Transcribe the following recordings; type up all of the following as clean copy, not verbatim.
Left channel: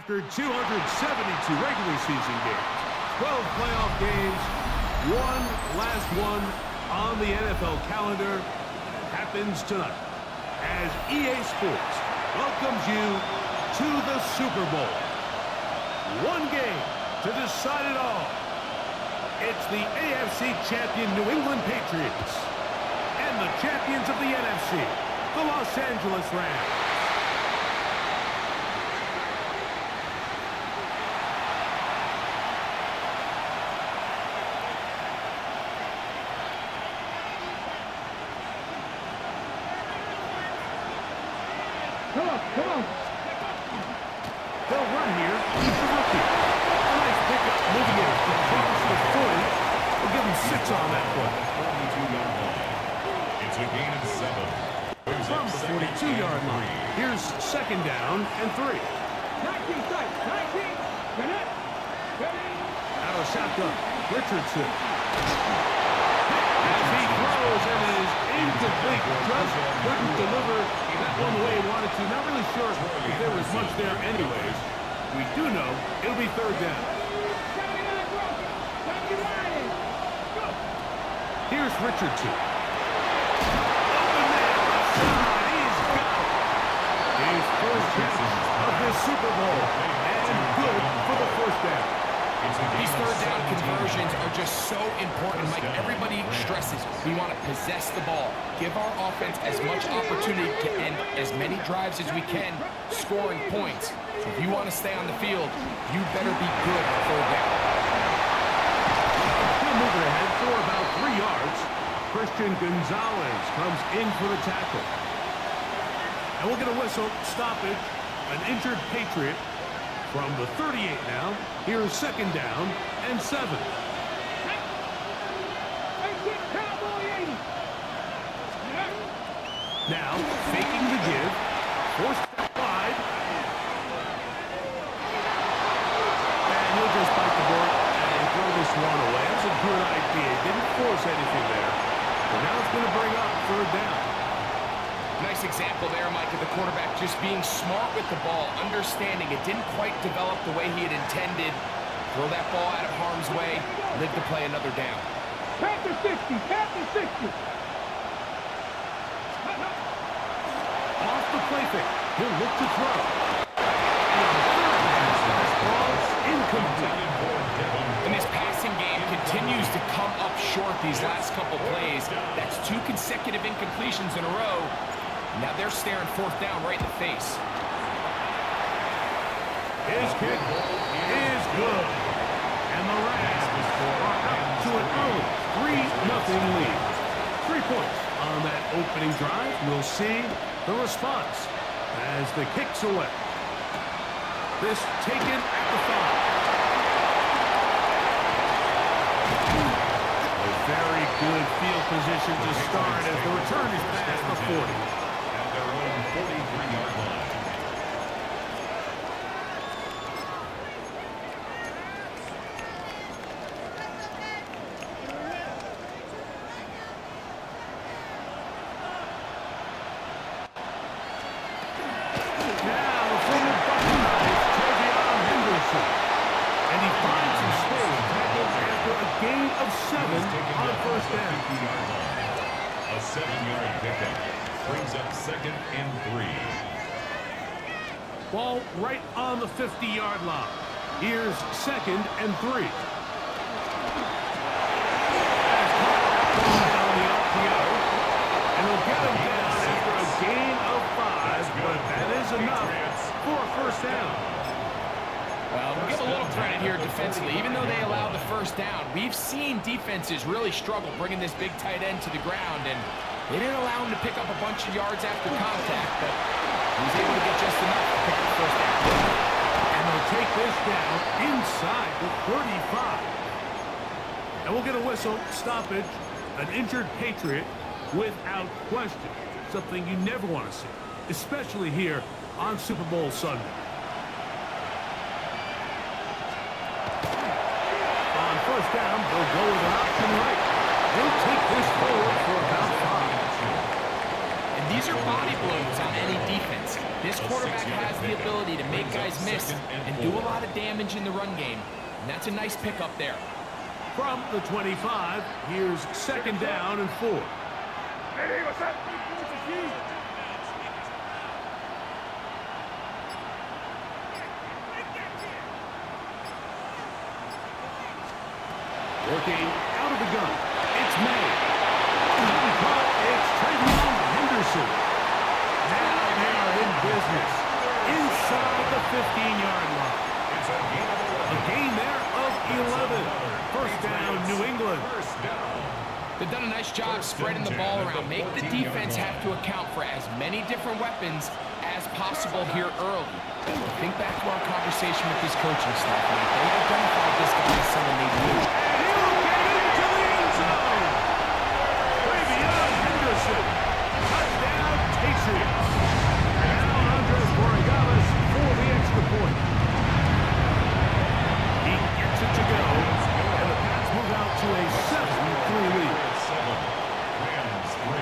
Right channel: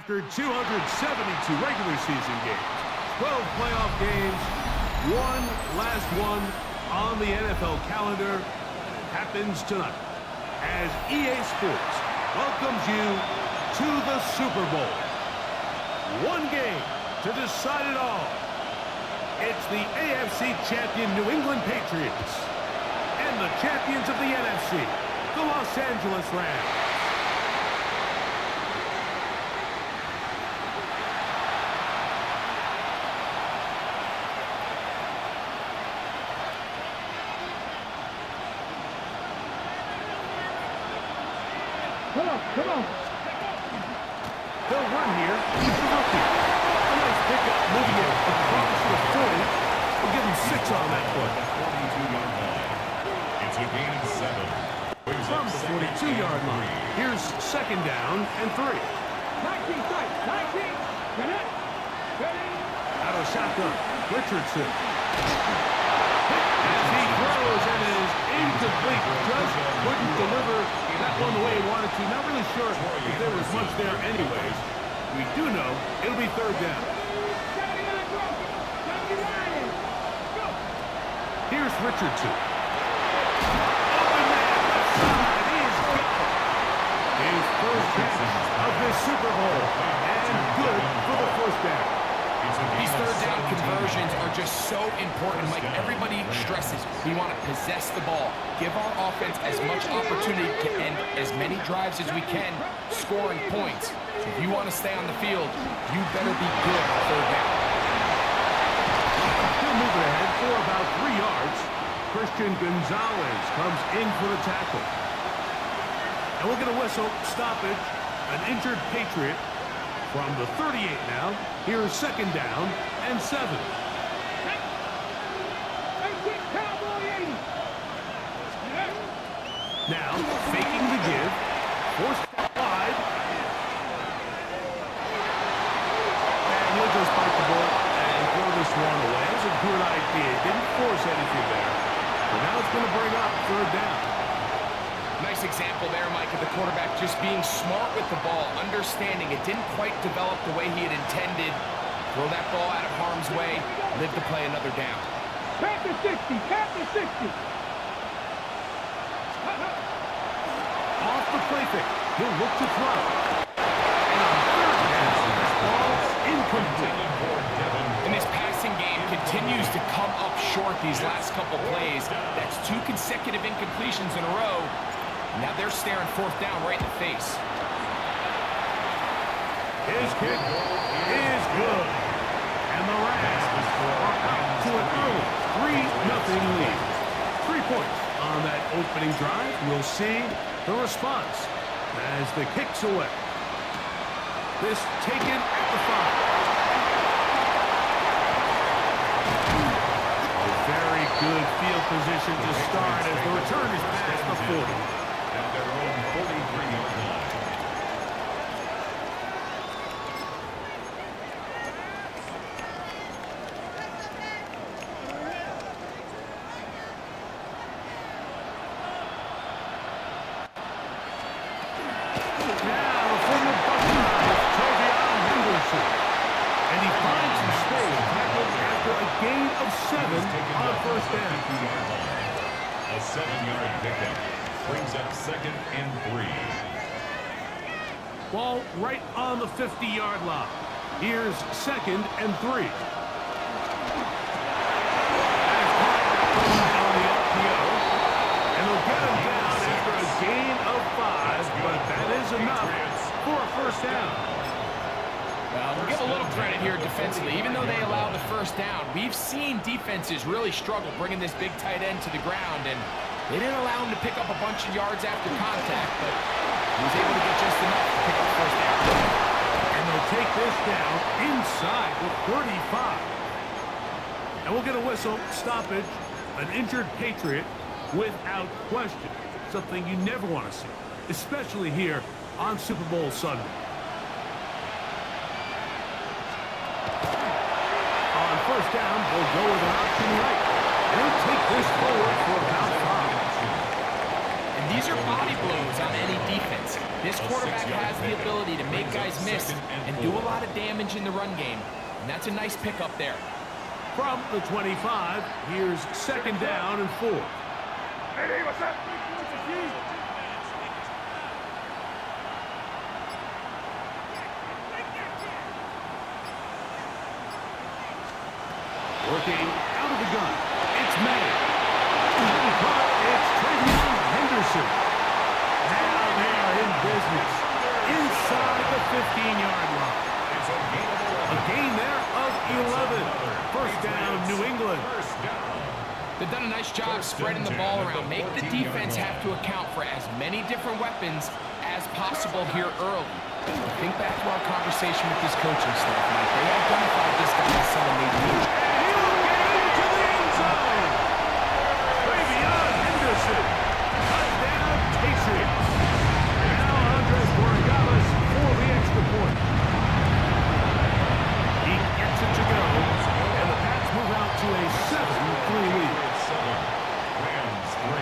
After 272 regular season games, 12 playoff games, one last one on the NFL calendar, and it happens tonight as EA Sports welcomes you to the Super Bowl. One game to decide it all. It's the AFC champion New England Patriots and the champions of the NFC, the Los Angeles Rams. Come on. They'll run here. He's the rookie. A nice pickup, moving it across the 40. We'll give him 6 on that play. 42-yard line. It's a gain of 7. From the 42-yard line, here's second down and 3. 19 strikes. 19. Ready. Out of shotgun, Richardson. As he throws and it is incomplete. Just couldn't deliver that one the way he wanted to. Not really sure if there was much there anyways. We do know it'll be third down. 79 broken. 79. Go. Here's Richardson. Open man, left side. He's got it. His first catch of this Super Bowl. And good for the first down. These third down conversions are just so important. Mike, everybody stresses we want to possess the ball, give our offense as much opportunity to end as many drives as we can, scoring points. So if you want to stay on the field, you better be good on third down. He'll move it ahead for about 3 yards. Christian Gonzalez comes in for the tackle. And we'll get a whistle, stoppage, an injured Patriot. From the 38 now, here's second down and 7. Now, faking the give, forced wide. And he'll just bite the bullet and throw this one away. That was a good idea. Didn't force anything there. But now it's going to bring up third down. Nice example there, Mike, of the quarterback just being smart with the ball, understanding it didn't quite develop the way he had intended. Throw that ball out of harm's way, live to play another down. Panther 60. Off the play fake, he'll look to throw. And on third down, this ball's incomplete. And this passing game continues to come up short these last couple plays. That's 2 consecutive incompletions in a row. Now they're staring fourth down right in the face. His kick is good. And the Rams are out to an early 3-0 lead. 3 points on that opening drive. We'll see the response as the kick's away. This taken at the 5. A very good field position to start as the return is past the 40. At their own 43-yard line. Now the former Buckeye, Travion Henderson. And he finds some space, tackled after a gain of 7 on first down. A 7-yard pickup brings up second and 3. Ball right on the 50-yard line. Here's second and 3. That is caught outside on the RPO. And they'll get him down after a gain of 5, but that is enough for a first down. Well, we'll give a little credit here defensively. Even though they allowed the first down, we've seen defenses really struggle bringing this big tight end to the ground, and they didn't allow him to pick up a bunch of yards after contact, but he was able to get just enough to pick up the first down. And they'll take this down inside the 35. And we'll get a whistle, stoppage, an injured Patriot without question. Something you never want to see, especially here on Super Bowl Sunday. On first down, they'll go with an option right. He'll take this forward for about 5. And These are body blows on any defense. This quarterback has the ability to make guys miss and do a lot of damage in the run game. And that's a nice pickup there. From the 25, here's second down and 4. Hey, what's up? Working out of the gun. It's May. And caught. It's Travion Henderson. Now they are in business. Inside the 15-yard line. It's a gain of 11. A gain there of 11. First down, New England. First down. They've done a nice job spreading the ball around. Make the defense have to account for as many different weapons as possible here early. Think back to our conversation with this coaching staff, Mike. They identified this guy as someone they need. And he'll get into the end zone. Travion Henderson. Touchdown, Patriots. Now Andres Borregales for the extra point. He gets it to go. And the Pats move out to a 7-3 lead. 7. Rams 3.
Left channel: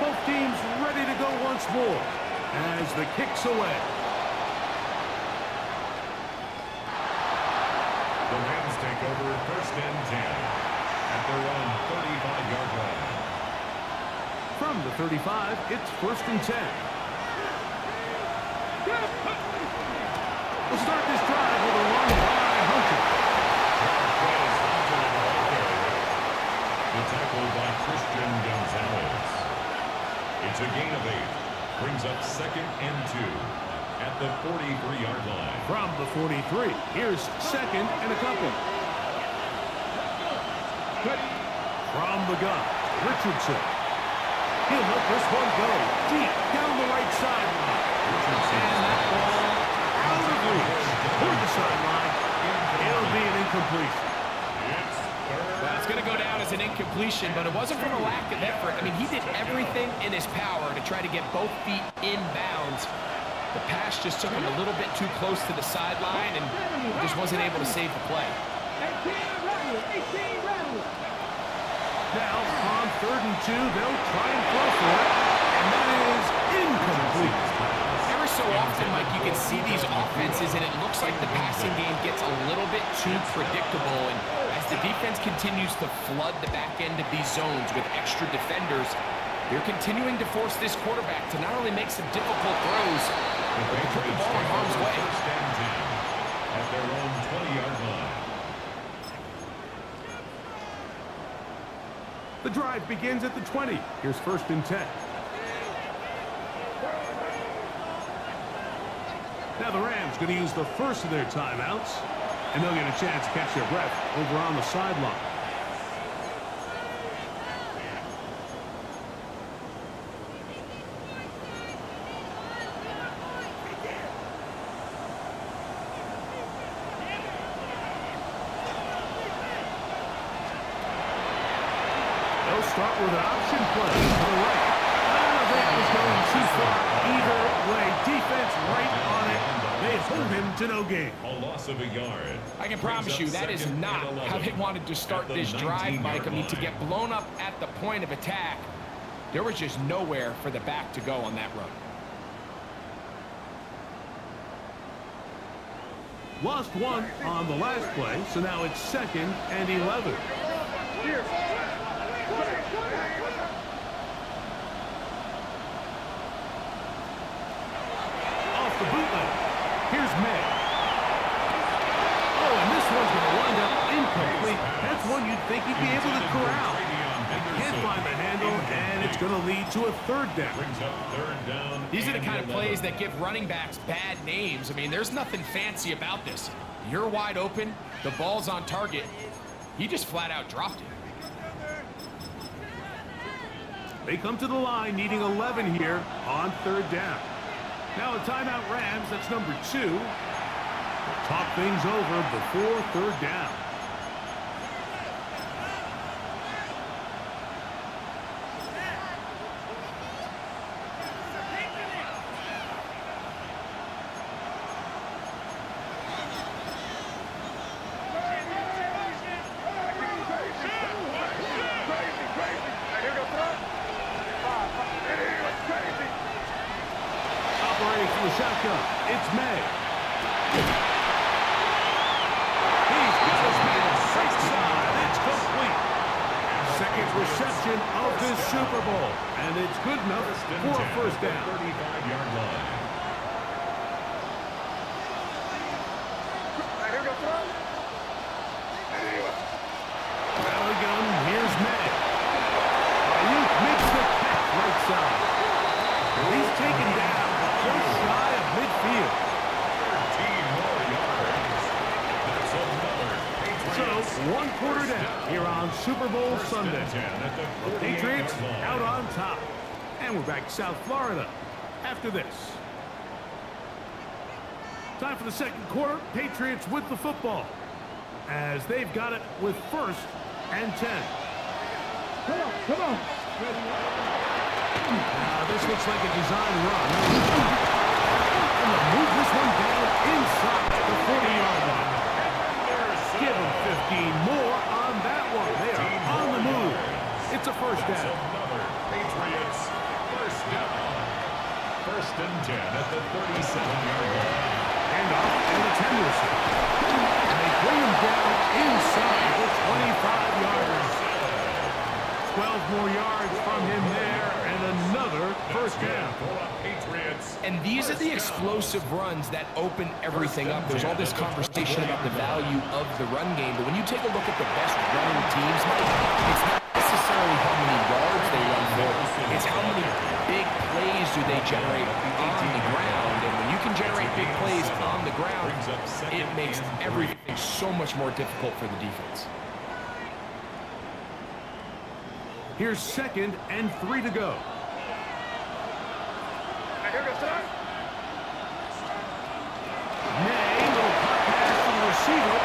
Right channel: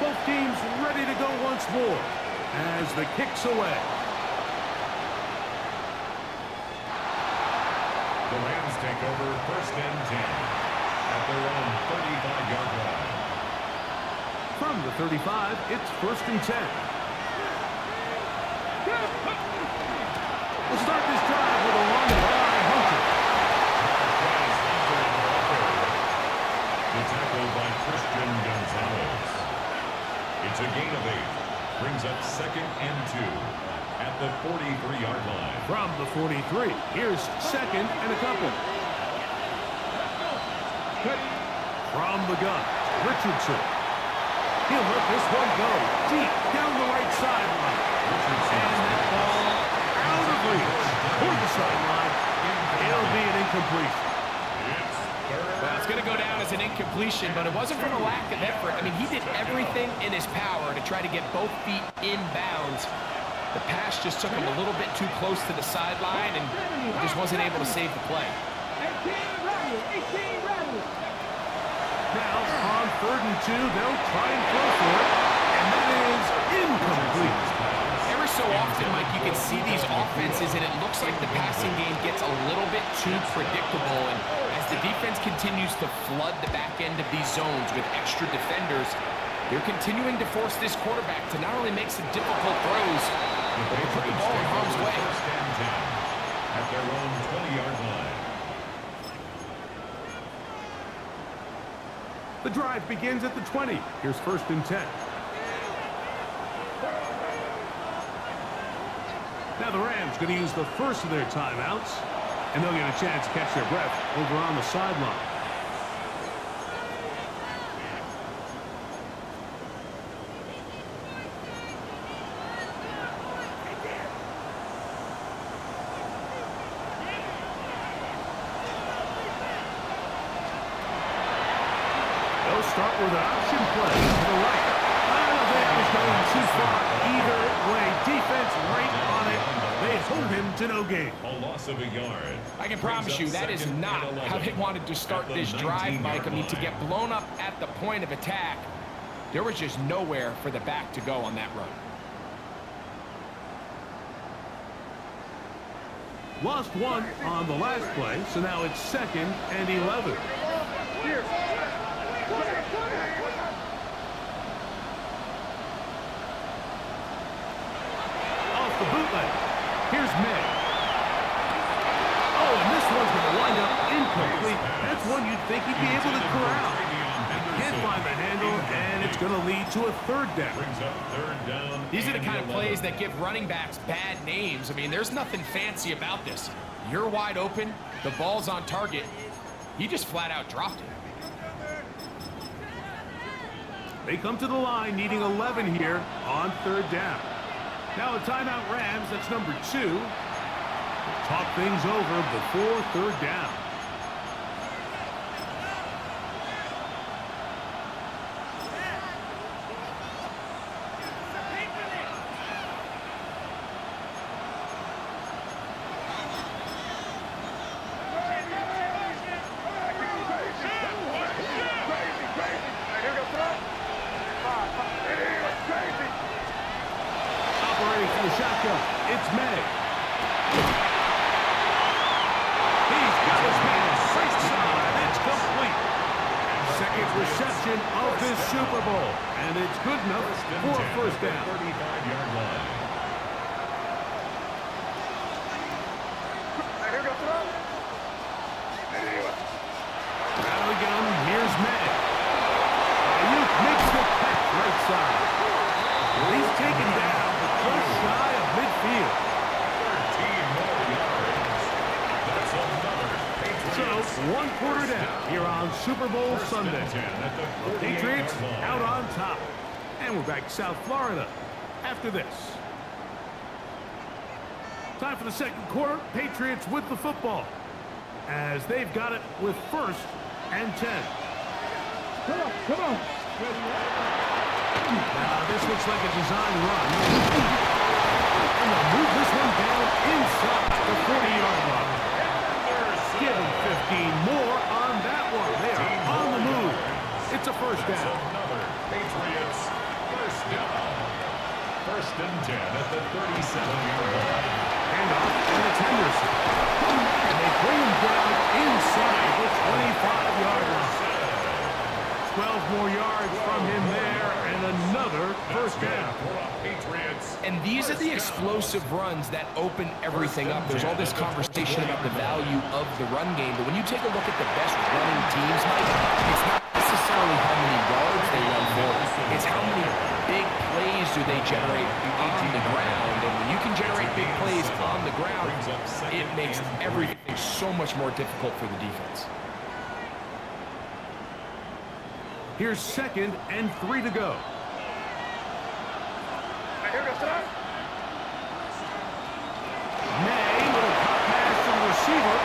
Both teams ready to go once more as the kick's away. The Rams take over first and 10 at their own 35-yard line. From the 35, it's first and 10. We'll start this drive with a run by Hunter. Marquez Hunter in the ball carrier. The tackle by Christian Gonzalez. It's a gain of 8. Brings up second and 2 at the 43-yard line. From the 43, here's second and a couple. From the gun, Richardson. He'll let this one go deep down the right sideline. And that ball out of reach toward the sideline. It'll be an incompletion. Well, it's going to go down as an incompletion, but it wasn't from a lack of effort. I mean, he did everything in his power to try to get both feet in bounds. The pass just took him a little bit too close to the sideline, and he just wasn't able to save the play. 18 rattle. Now, on 3rd and 2, they'll try and throw for it, and that is incomplete. Ever so often, Mike, you can see these offenses, and it looks like the passing game gets a little bit too predictable. And as the defense continues to flood the back end of these zones with extra defenders, they're continuing to force this quarterback to not only make some difficult throws, but to put the ball in harm's way. First and 10 at their own 20-yard line. The drive begins at the 20. Here's first and 10. Now the Rams going to use the first of their timeouts, and they'll get a chance to catch their breath over on the sideline. They'll start with an option play to the right. I don't think that was going too far either way. Defense right on it. They hold him to no gain. A loss of a yard. I can promise you that is not how they wanted to start this drive, Mike. I mean, to get blown up at the point of attack, there was just nowhere for the back to go on that run. Lost one on the last play, so now it's 2nd and 11. Off the bootleg. Here's May. Oh, and this one's going to wind up incomplete. That's one you'd think he'd be able to corral. He can't find the handle, and it's going to lead to a 3rd down. Brings up 3rd down. These are the and kind of 11. plays that give running backs bad names. I mean, there's nothing fancy about this. You're wide open. The ball's on target. He just flat out dropped it. They come to the line needing 11 here on 3rd down. Now a timeout Rams, that's number 2. We'll talk things over before 3rd down. He was crazy. Operating from the shotgun, it's May. He's got his man right side. It's complete. Second reception of this Super Bowl, and it's good enough for a first down. 35-yard line. Here we go, throw. He was. Out of the gun, here's May. Ayuk makes the catch right side. He's taken down just shy of midfield. 13 more yards. That's another Patriots. So, one quarter down here on Super Bowl First and Sunday. 10 at the The Patriots 48-yard line. out on top. And we're back to South Florida after this. Time for the second quarter. Patriots with the football, as they've got it with first and 10. Come on, come on. Now, this looks like a design run. And they'll move this one down inside the 40-yard line. Give them 15 more on that one. They are on the move. It's a first That's down. another Patriots first down. First and 10 at the 37-yard line. Handoff, and it's Henderson. And they bring him down inside the 25-yard line. 12 more yards from him there, and another first down. For a Patriots. And these are the explosive runs that open everything up. There's all this conversation about the value of the run game, but when you take a look at the best running teams, Mike, it's not necessarily how many yards they run for. It's how many big plays do they generate on the ground. And when you can generate big plays on the ground, it makes everything so much more difficult for the defense. Here's second and 3 to go. Here goes throw. May, little pop pass to the receiver.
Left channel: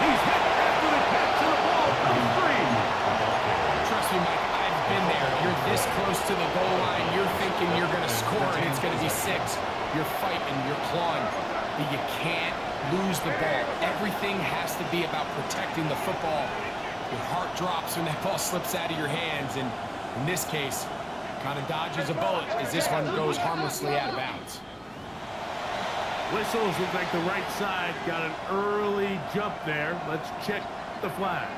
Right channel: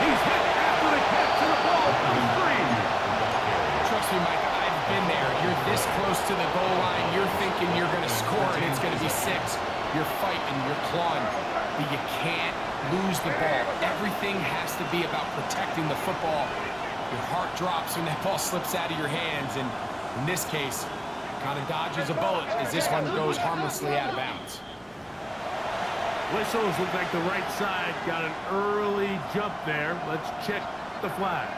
He's hit after the catch, and the ball comes free. Trust me, Mike, I've been there. You're this close to the goal line. You're thinking you're going to score, and it's going to be 6. You're fighting, you're clawing, but you can't lose the ball. Everything has to be about protecting the football. Your heart drops when that ball slips out of your hands, and in this case, kind of dodges a bullet as this one goes harmlessly out of bounds. Whistles look like the right side got an early jump there. Let's check the flag.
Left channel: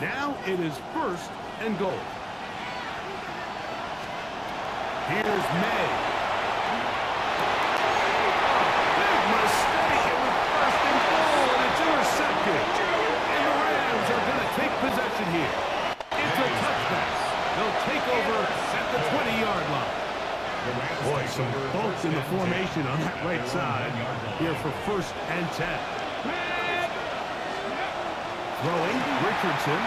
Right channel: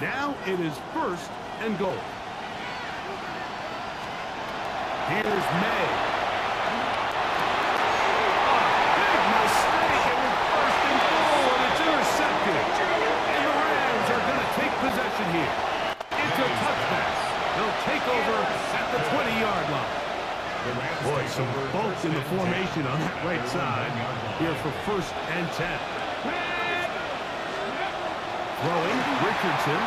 Now it is first and goal. Here's May. A big mistake. It was first and goal, and it's intercepted. And the Rams are going to take possession here. It's a touchdown. They'll take over at the 20-yard line. Boy, some bulk in the formation on that right side here for first and 10. Throwing, Richardson.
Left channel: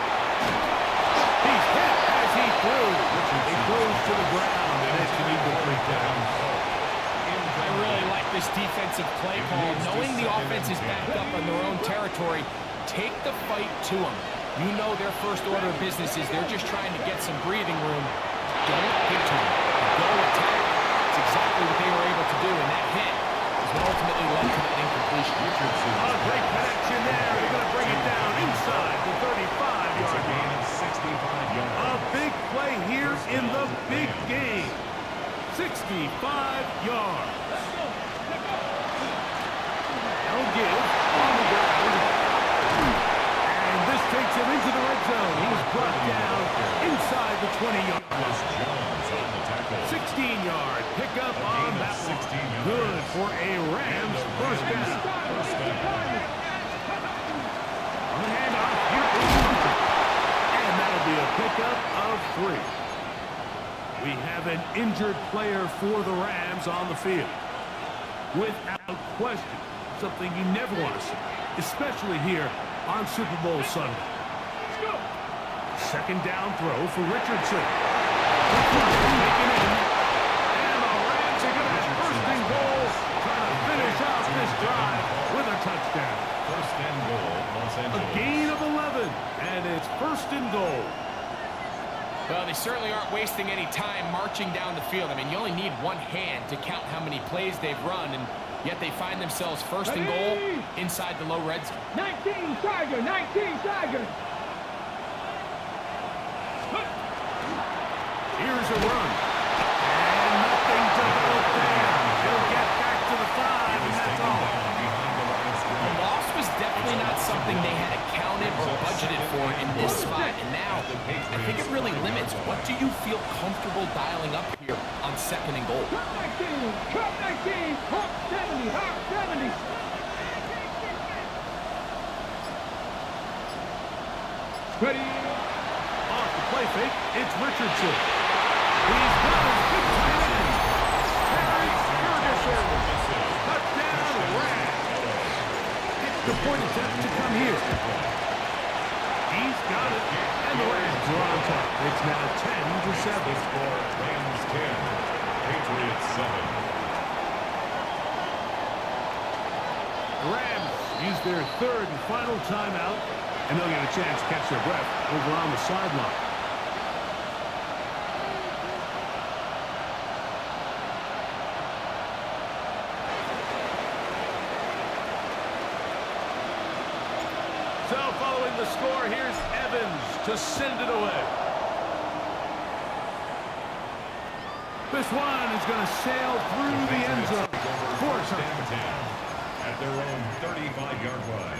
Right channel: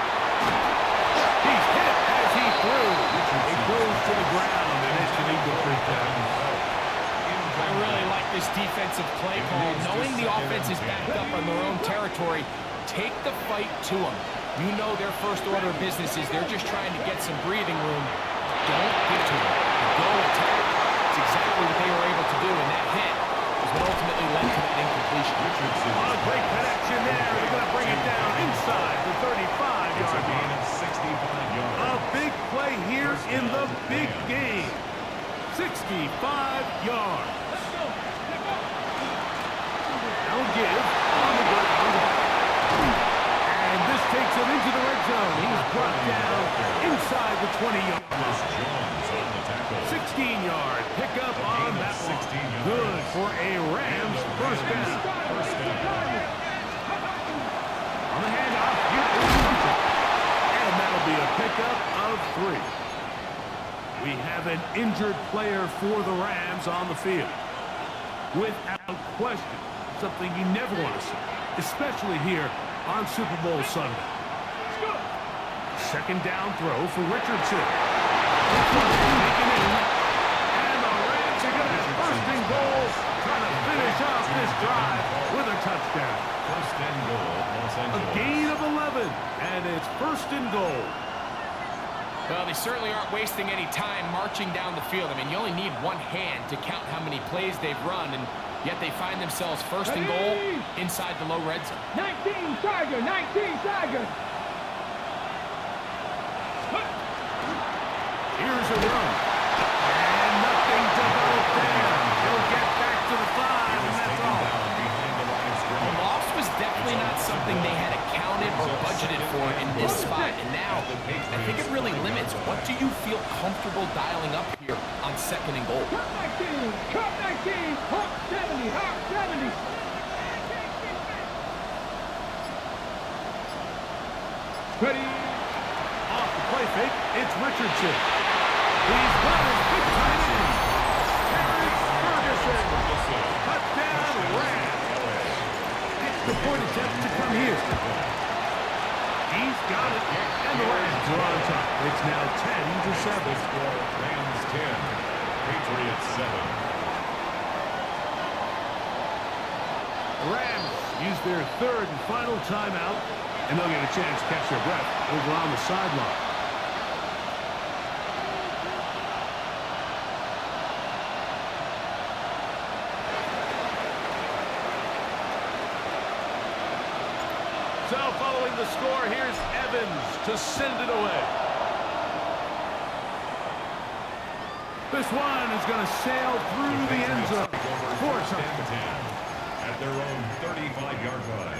He's hit as he threw. It goes to the ground, and it's an incomplete pass. I really like this defensive play call. Knowing the offense is backed up on their own territory, take the fight to them. You know their first order of business is they're just trying to get some breathing room. Don't give to them. Go attack. It's exactly what they were able to do, and that hit is what ultimately led to that incompletion. Oh, great connection there. They're going to bring it down inside the 35-yard line. 65 yards. A big play here in the big game. 65 yards. Now give on the ground. And this takes him into the red zone. He's brought down inside the 20-yard line. Jones on the tackle. 16-yard pickup on that one. Good for a Rams first down. First down. On the handoff, here is Hunter. And that'll be a pickup of 3. We have an injured player for the Rams on the field. Without question, something you never want to see, especially here on Super Bowl Sunday. Second down throw for Richardson. Taken in. And the Rams are going to have first and goal, trying to finish off this drive with a touchdown. First and goal, Los Angeles. A gain of 11, and it's first and goal. Well, they certainly aren't wasting any time marching down the field. I mean, you only need one hand to count how many plays they've run, and yet they find themselves first and goal inside the low red zone. 19 Tiger, 19 Tiger. Here's a run. And nothing developed there. He'll get back to the 5, and that's all. A loss was definitely not something they had accounted or budgeted for in this spot, and now I think it really limits what do you feel comfortable dialing up here on second and goal. Cup 19, Cup 19, Hawk 70, Hawk 70. Ready. Off the play fake, it's Richardson. He's got his big tight end. Terrence Ferguson. Touchdown, Rams. The point attempt to come here. He's got it, and the Rams are on top. It's now 10-7. Score Rams 10, Patriots 7. The Rams use their third and final timeout, and they'll get a chance to catch their breath over on the sideline. So following the score, here's Evans to send it away. This one is going to sail through the end zone. For a touchdown. At their own 35-yard line.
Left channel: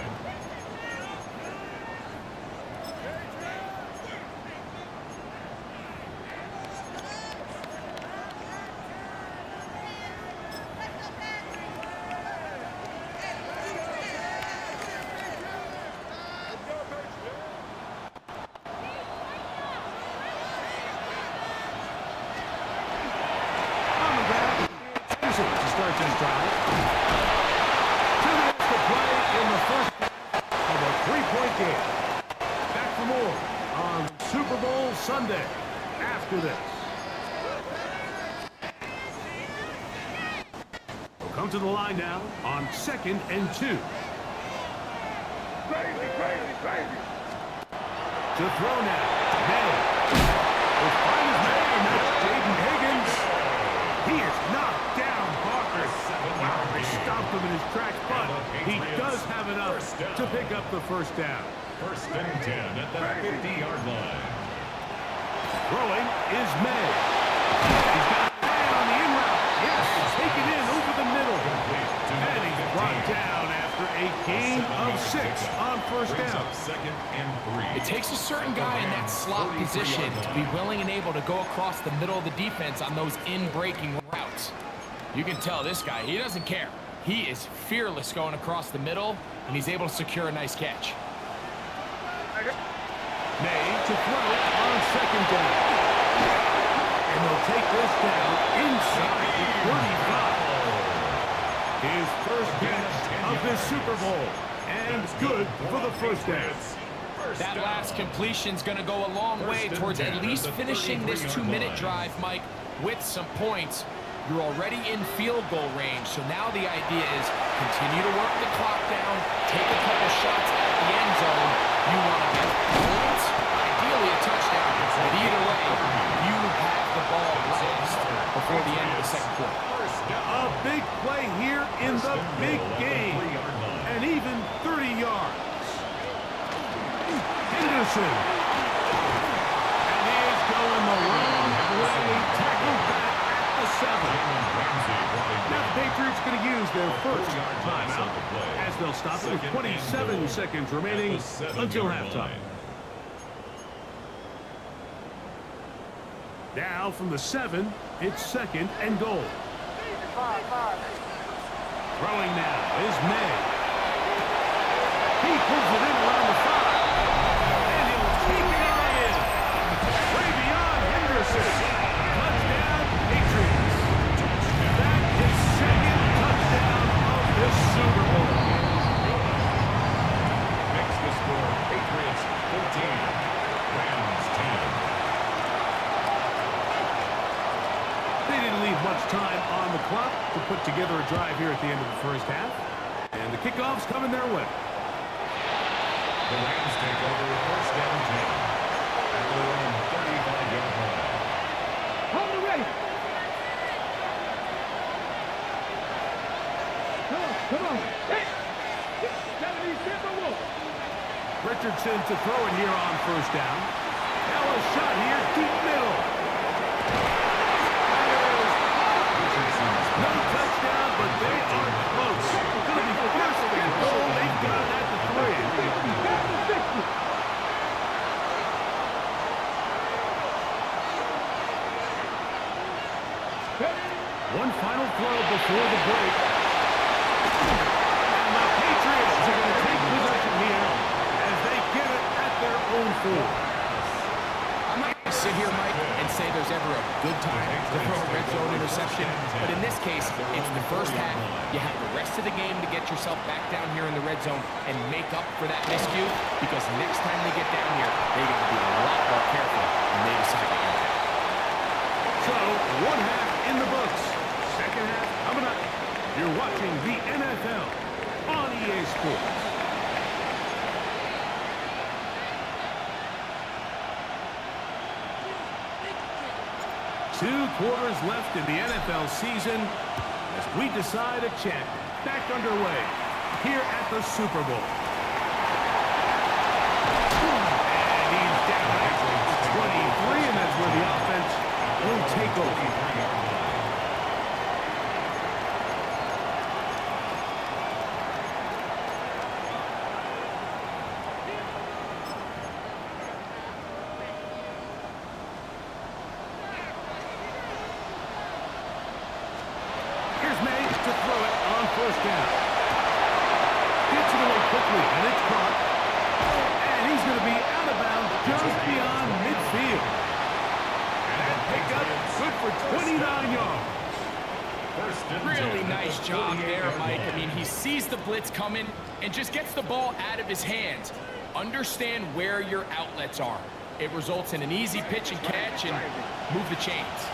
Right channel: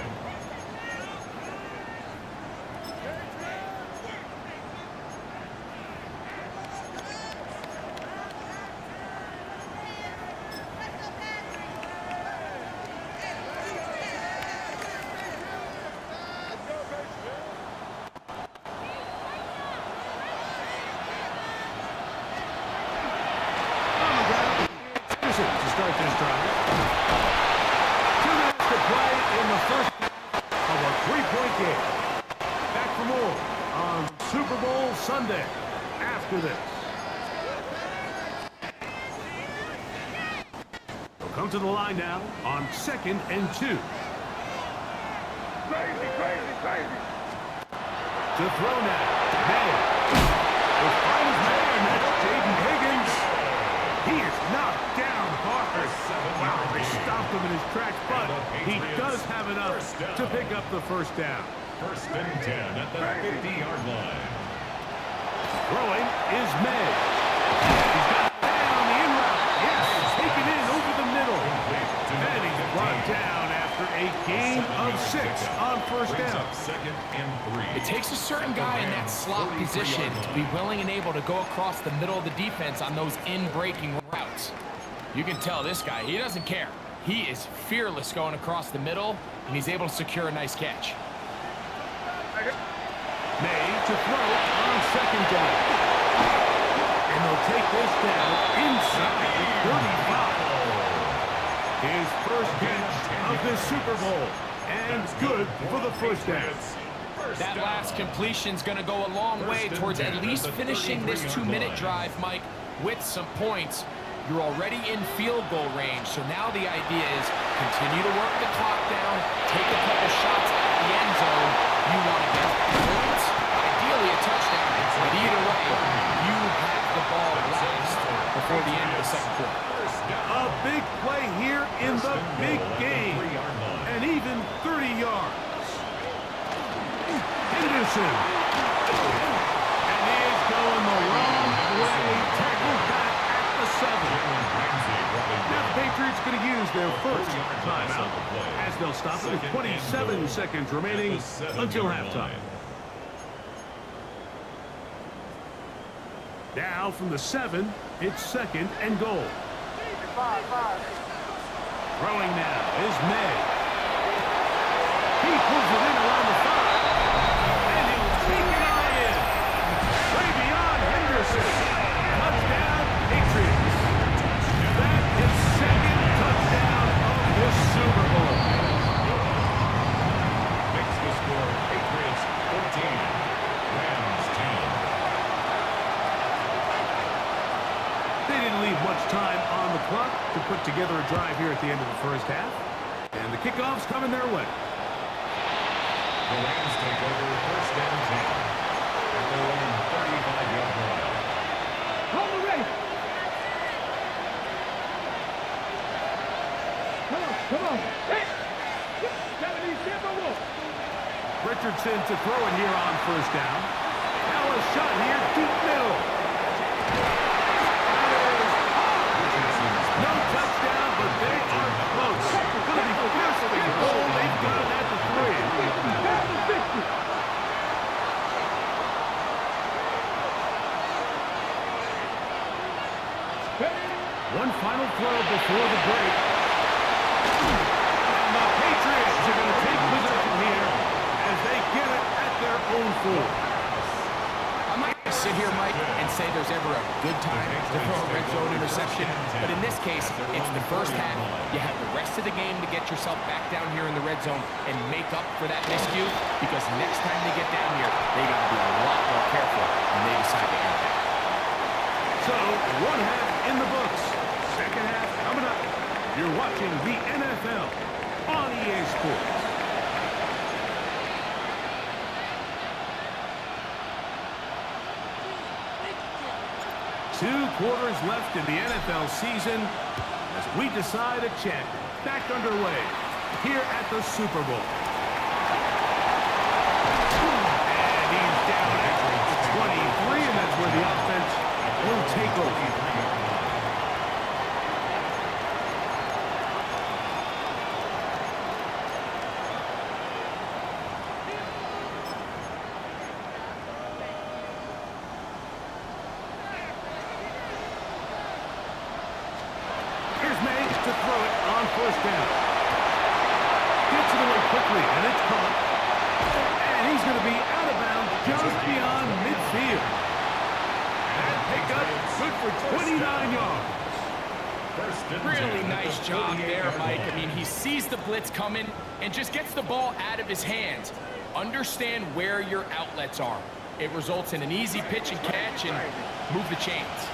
To start this drive. 2 minutes to play in the first half of a 3-point game. Back for more on Super Bowl Sunday after this. They'll come to the line now on 2nd and 2. Crazy, crazy, crazy. To throw now. May. As fine as man, that's Jaden Higgins. He is knocked down hard. Wow, they stopped him in his tracks, but he does have enough to pick up the first down. First and 10 at the 50-yard line. Throwing is May. He's got a man on the in route. Yes, taken in over the middle. And he's brought down after a gain of 6 on first down. Second and 3. It takes a certain guy in that slot position to be willing and able to go across the middle of the defense on those in-breaking routes. You can tell this guy, he doesn't care. He is fearless going across the middle, and he's able to secure a nice catch. May to throw on second down. And they'll take this down inside the 35. His first catch of this Super Bowl. And good for the first down. That last completion's going to go a long way towards at least finishing this 2-minute drive, Mike, with some points. You're already in field goal range, so now the idea is continue to work the clock down, take a couple shots at the end zone. You want to get points, ideally a touchdown, but either way, you have the ball last before the end of the second quarter. A big play here in the big game, and even 30 yards. Henderson, and he is going the wrong way, tackled back at the 7. Now the Patriots going to use their first timeout as they'll stop it with 27 seconds remaining until halftime. Now from the 7, it's 2nd and goal. Throwing now is May. He pulls it in around the 5. And he'll take it on in. Way beyond Henderson. Touchdown, Patriots. That is second touchdown of this Super Bowl. Makes the score Patriots 14, Rams 10. They didn't leave much time on the clock to put together a drive here at the end of the first half. And the kickoff's coming their way. The Rams take over first and 10. at their own 35-yard line. On the race. Come on. Hey. 77 Wolf. Richardson to throw it here on first down. Now a shot here, deep middle. That is hard. No touchdown, but they are close. Going to be first and goal. They've got it at the 3. 50. One final throw before the break. And the Patriots are going to take possession here as they get it at their own 4. I might sit here, Mike, and say there's ever a good time to throw a red zone interception, but in this case, it's the first half. You have the rest of the game to get yourself back down here in the red zone and make up for that miscue, because next time they get down here, they got to be a lot more careful when they decide to air it out. So, one half in the books. Second half coming up. You're watching the NFL on EA Sports. Two quarters left in the NFL season as we decide a champion. Back underway here at the Super Bowl. And he's down at 23, and that's where the offense will take over. Here's May to throw it on first down. Gets it away quickly, and it's caught. And he's going to be out of bounds just beyond midfield. That pickup good for 29 yards. Really nice job there, Mike. I mean, he sees the blitz coming and just gets the ball out of his hands. Understand where your outlets are. It results in an easy pitch and catch and move the chains.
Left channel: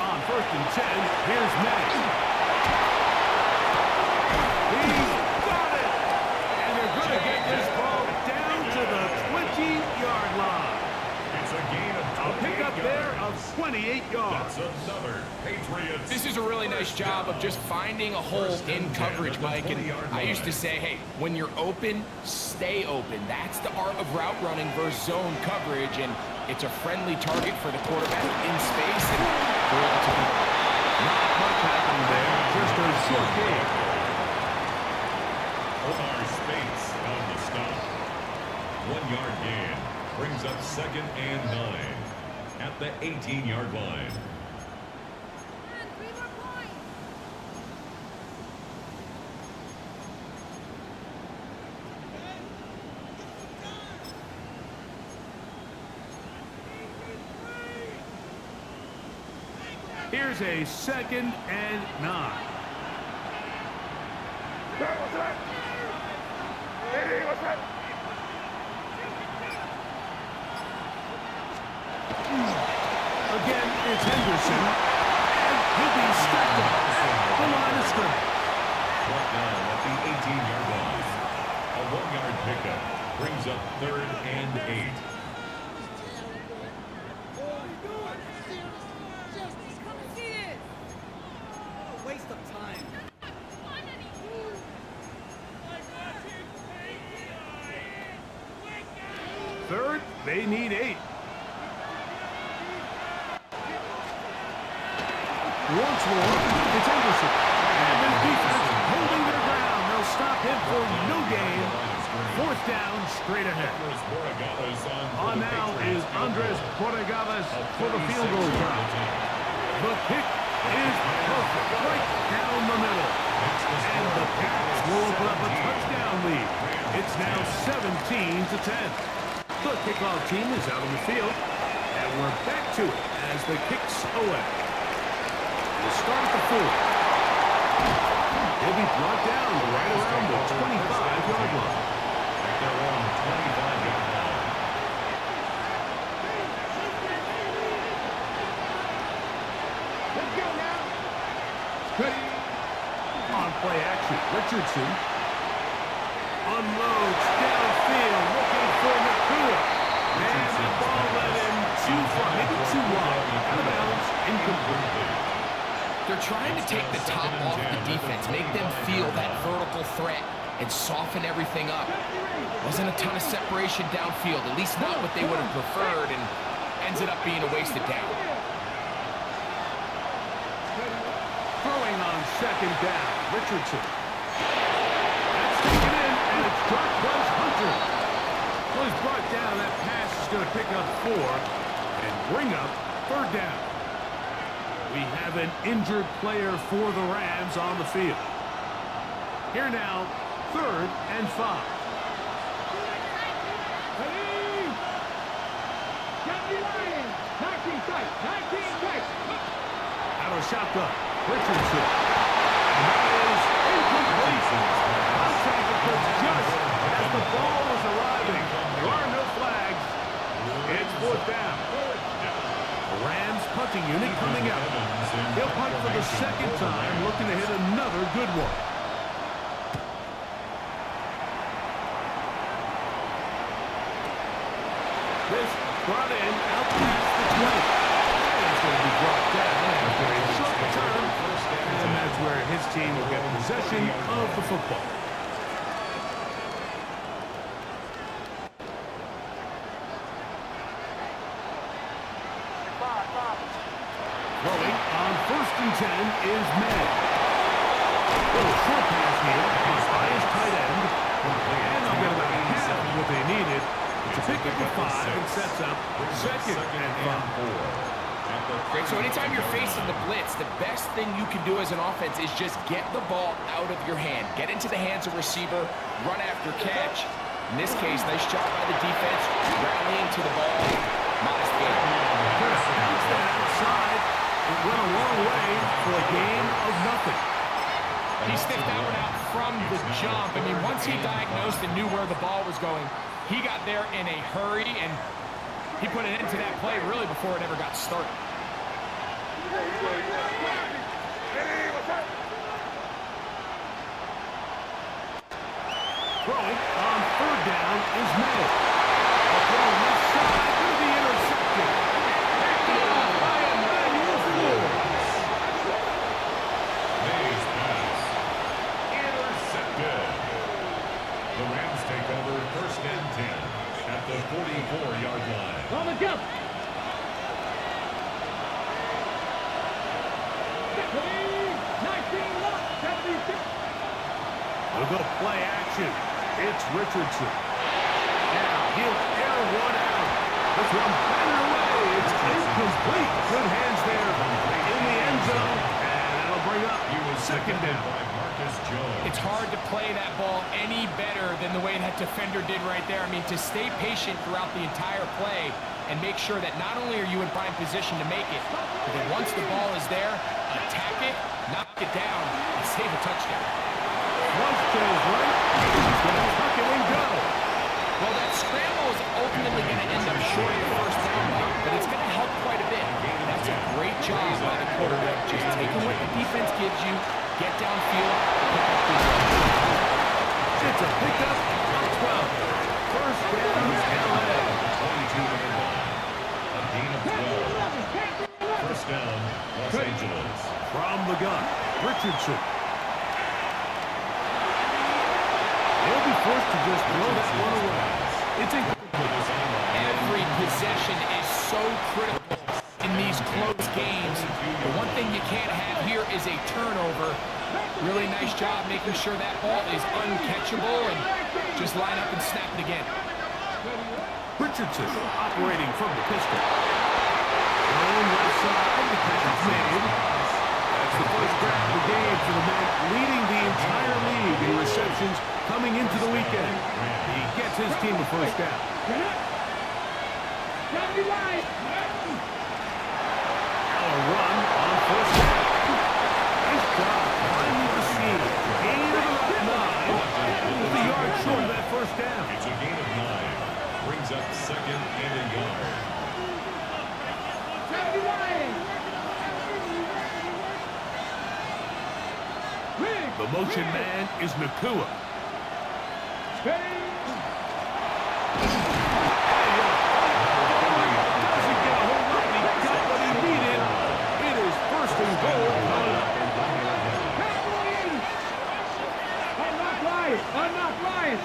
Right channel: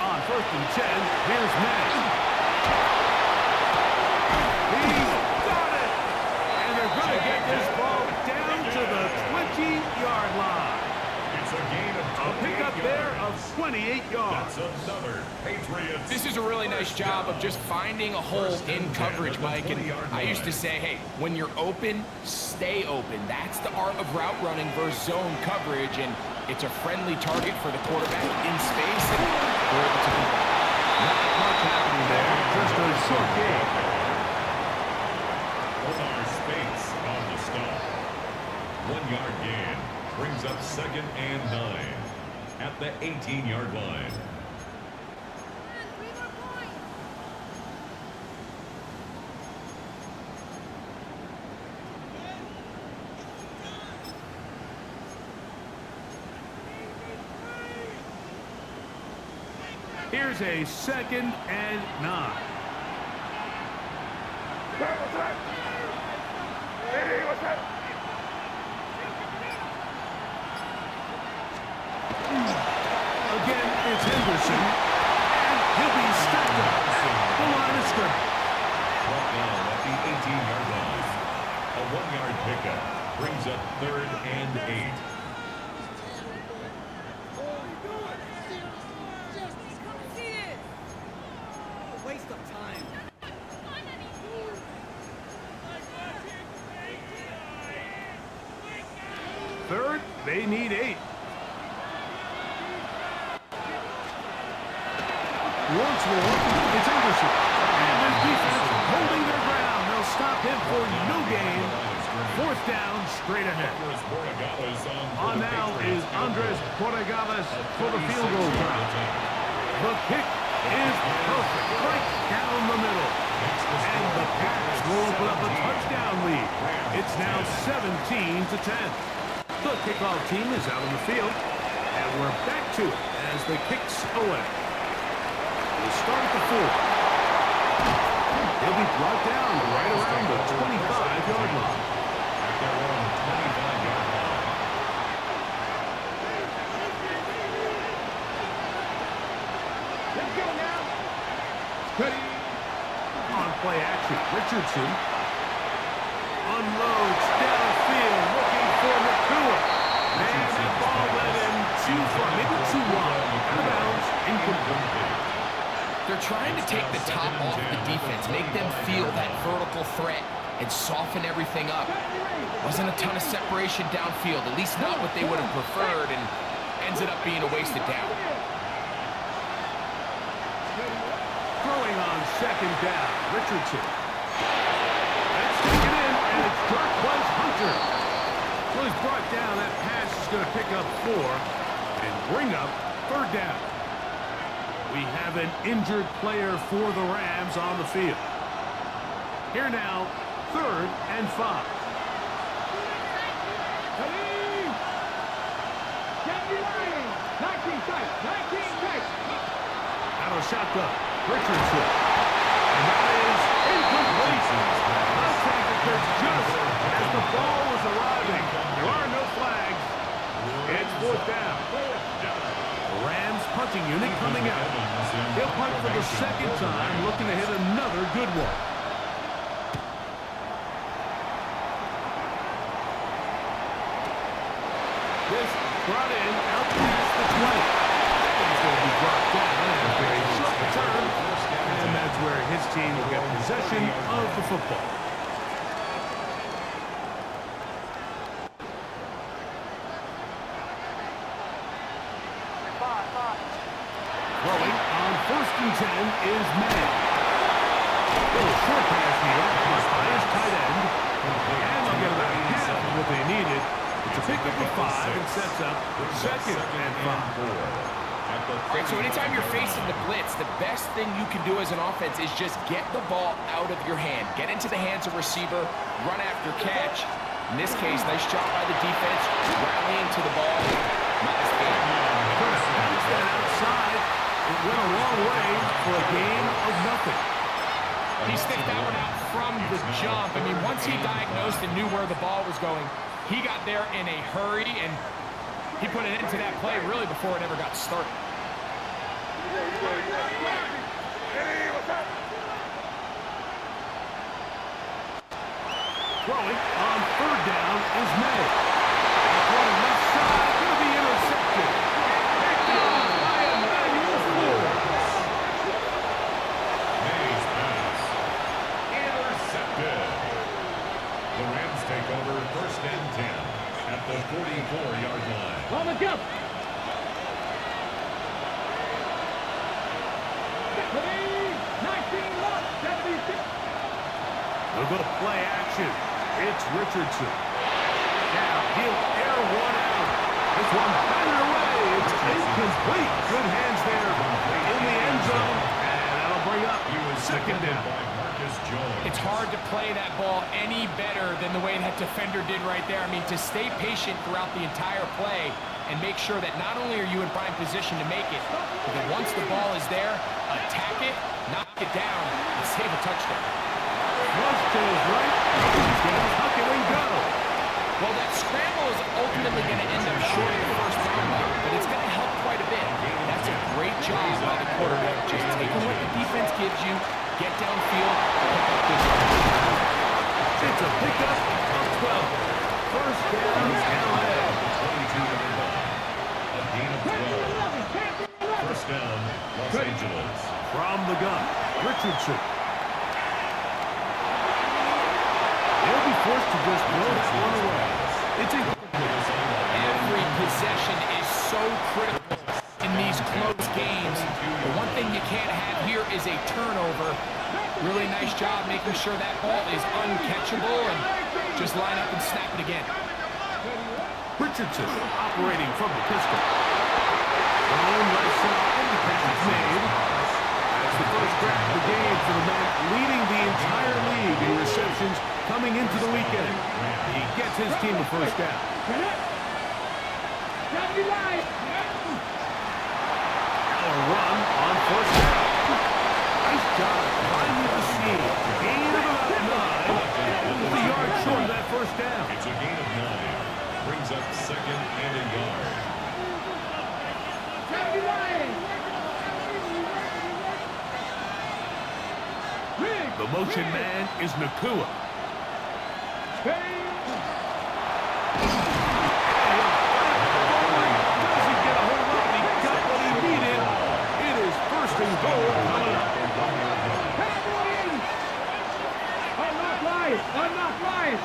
On first and 10, here's May. He's got it! And they're going to get this ball down to the 20-yard line. It's a gain of A pickup there of 28 yards. That's another Patriots. This is a really nice job of just finding a hole in coverage, Mike. And I used to say, hey, when you're open, stay open. That's the art of route running versus zone coverage. And it's a friendly target for the quarterback in space. And we're able to convert. Not much happening there. Just a short game. Omar Speights on the stop. 1-yard gain brings up 2nd and 9 at the 18-yard line. Here's a 2nd and 9. Again, it's Henderson, and he'll be stacked up at the line of scrimmage. Brought down at the 18-yard line. A 1-yard pickup brings up 3rd and 8. Waste of time. Third, they need 8. Once more, it's Henderson. And the defense holding their ground. They'll stop him for no gain. 4th down, straight ahead. On now is Andres Borregales for the field goal try. The kick is perfect, right down the middle. And the Pats will open up a touchdown lead. It's now 17-10. The kickoff team is out on the field, and we're back to it as the kick's away. We'll start at the 4. He'll be brought down right around the 25-yard line. At their own 25-yard line. Let's go now. Ready. On play action, Richardson. unloads downfield, looking for Nakua. And that ball led him too far, maybe too wide. Out of bounds, incomplete. They're trying to take the top off the defense, make them feel that vertical threat, and soften everything up. Wasn't a ton of separation downfield, at least not what they would have preferred, and ended up being a wasted down. Throwing on second down, Richardson. That's taken in, and it's Darkwas Hunter. Well, he's brought down. That pass is going to pick up 4 and bring up third down. We have an injured player for the Rams on the field. Here now, 3rd and 5. Out of shotgun, Richardson. And that is incomplete. Contact occurs just as the ball was arriving. There are no flags. It's 4th down. The Rams punting unit coming out. He'll punt for the 2nd time, looking to hit another good one. This brought in out past the 20. He's going to be brought down after a short return, and that's where his team will get possession of the football. Throwing on 1st and 10 is May. Little short pass here, caught by his tight end, and they'll get about half of what they needed. It's a pickup of 5 and sets up 2nd and 5. Great, so anytime you're facing the blitz, the best thing you can do as an offense is just get the ball out of your hand. Get into the hands of receiver, run after catch. In this case, nice job by the defense, rallying to the ball. Modest gain. Could have bounced that outside. It went a long way for a gain of nothing. He sniffed that one out from the jump. I mean, once he diagnosed and knew where the ball was going, he got there in a hurry, and he put an end to that play really before it ever got started. Throwing on 3rd down is May. A throw left side, going to be intercepted. By Emmanuel Ford. May's pass. Intercepted. The Rams take over 1st and 10 at the 44-yard line. On the jump. They'll go play action. It's Richardson. Now he'll air one out. This one batted away. It's incomplete. Good hands there in the end zone. And that'll bring up 2nd down. By Marcus Jones. It's hard to play that ball any better than the way that defender did right there. I mean, to stay patient throughout the entire play and make sure that not only are you in prime position to make it, but that once the ball is there, attack it, knock it down, and save a touchdown. Flush to his right. He's going to tuck it and go. Well, that scramble is ultimately going to end up short of the 1st down line, but it's going to help quite a bit. That's a great job by the quarterback, just taking what the defense gives you, get downfield, pick up good yards. It's a pickup of 12. 1st down, LA. 22-yard line. A gain of 12. 1st down, Los Angeles. From the gun, Richardson. He'll be forced to just throw that one away. It's incomplete. Every possession is so critical in these close games. The one thing you can't have here is a turnover. Really nice job making sure that ball is uncatchable, and just line up and snap it again. Richardson operating from the pistol. Thrown left side, the catch is made. That's the first grab of the game for the man leading the entire league in receptions coming into the weekend. He gets his team a 1st down. Now a run on 1st down. Nice job finding the seam. Gain of about 9. The yard short of that 1st down. It's a gain of 9. Brings up 2nd and a yard. The motion man is Nakua. Ready? Doesn't get a hold up, and he got what he needed. It is first and goal coming up. Cowboys! Unlock Lions! Unlock Lions!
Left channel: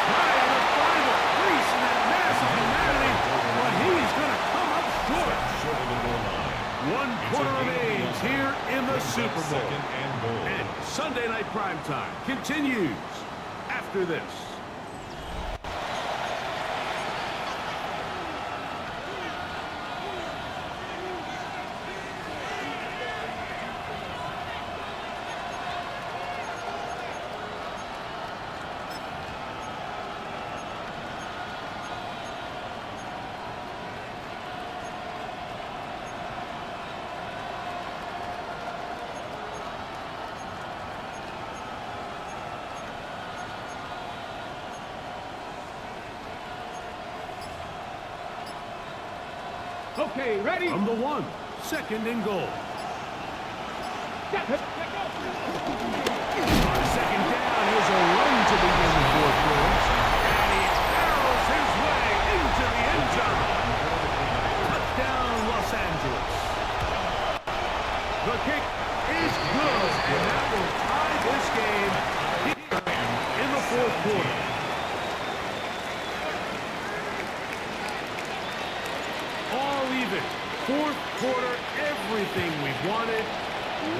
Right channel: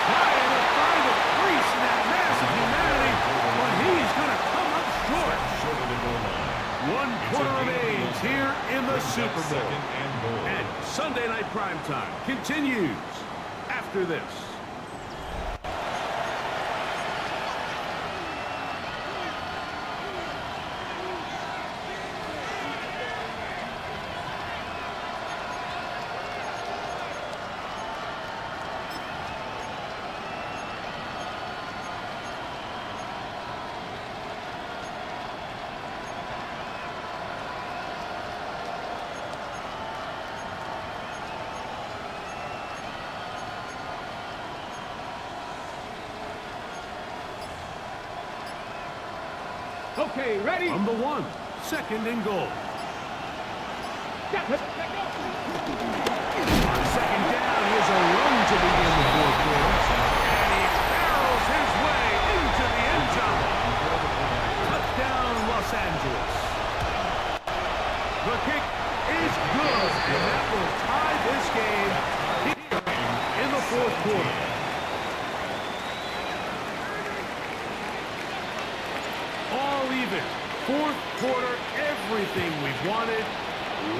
Trying to find a crease in that massive humanity, but he's going to come up short. Short of the goal line. 1/4 of age here in the Super Bowl. Second and goal. And Sunday Night Primetime continues after this. Okay, ready? From the 1, second and goal. Let go! On second down, here's a run to begin the fourth quarter. And he barrels his way into the end zone. Touchdown, Los Angeles. The kick is good, and that will tie this game here in the fourth quarter. All even. Fourth quarter, everything we've wanted.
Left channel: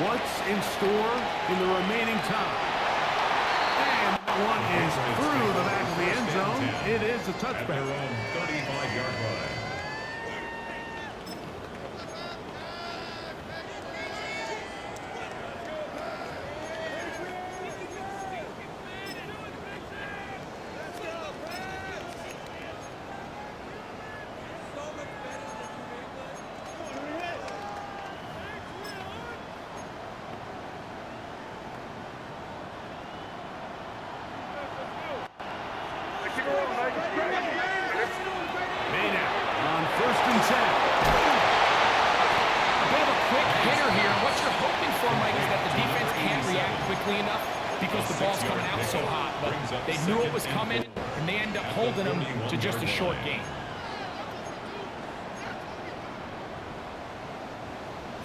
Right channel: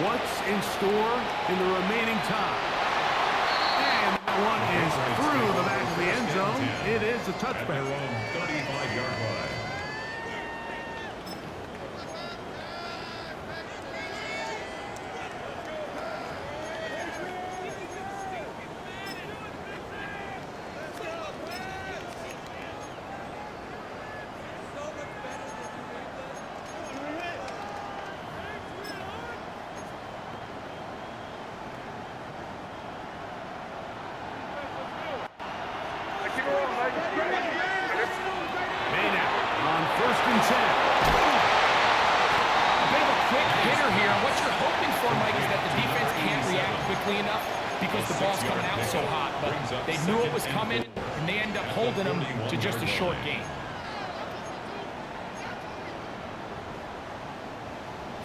What's in store in the remaining time? And that one is through the back of the end zone. It is a At touchback. their own 35-yard line. Maynard on first and 10. A bit of a quick hitter here. What you're hoping for, Mike, is that the defense can't react quickly enough because the ball's coming out so hot. But they knew it was coming, and they end up holding them to just a short gain.